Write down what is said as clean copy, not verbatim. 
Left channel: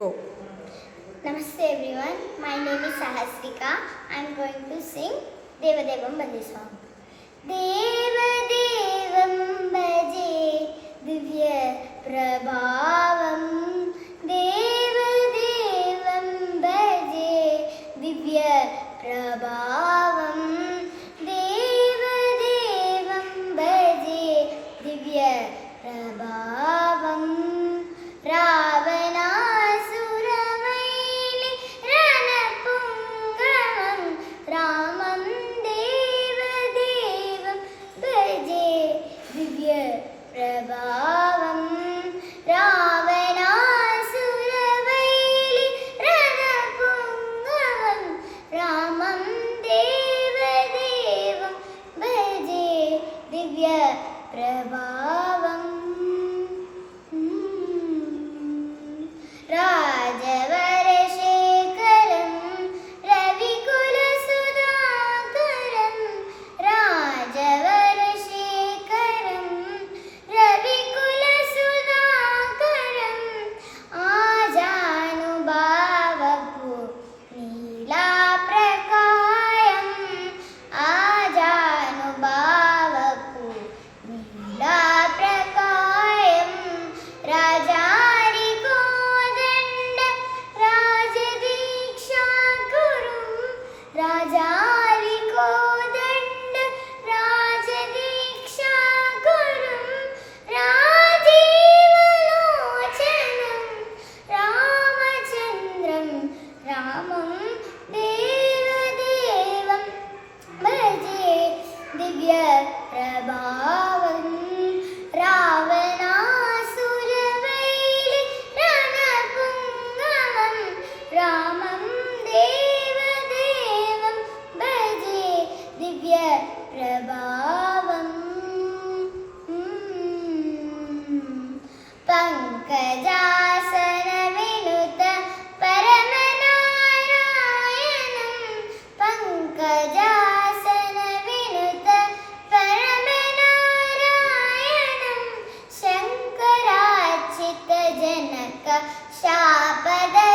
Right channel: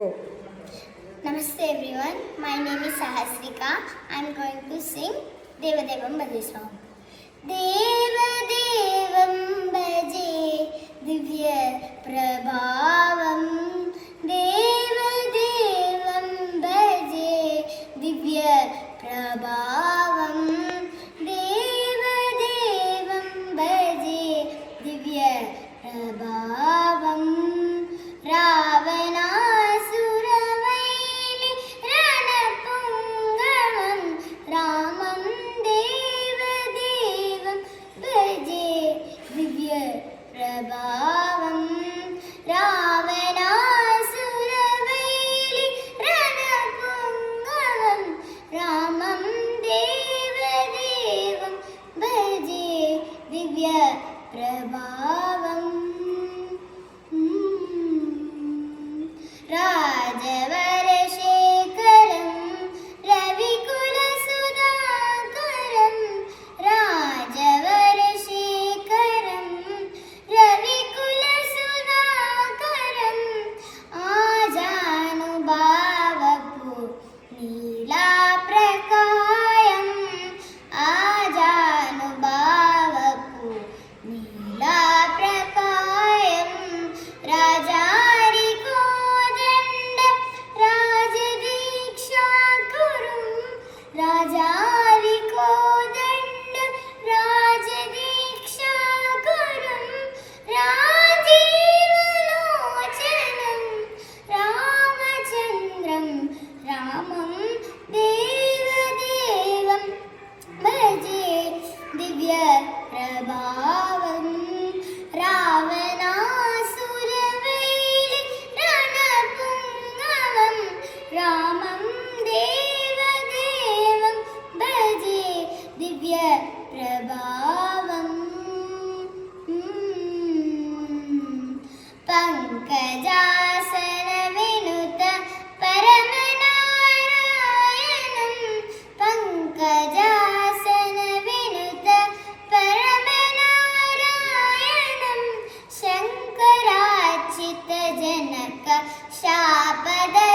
Go. Namaste everyone. My name is Sahasrika. I am going to sing Devadevam Bhaje song. Devadevam Bhaje Divya Prabhavam. Devadevam Bhaje Divya Prabhavam. Devadevam Bhaje Divya Prabhavam. Ravanasuravaili Ranapungam Ramam Devadevam Bhaje Divya Prabhavam. Ravanasuravaili Ranapungam Ramam Devadevam Bhaje Divya Prabhavam. Rajavarashekaram Ravikulasudaakaram Rajavarashekaram Ravikulasudaakaram Ajanubhavapu Neelaprakayam Ajanubhavapu Neelaprakayam Raja Rajarikodanड Rajadiksha Gurum Rajivalocanam Ramachandram Ramam Devadevam Bhaje Divya Prabhavam. Ravanasuravaili Ranapungam Ramam Devadevam Bhaje Divya Prabhavam. Pankajasana Vinuta Paramanarayanam Pankajasana Vinuta Paramanarayanam Shankarachita Janaka Shapada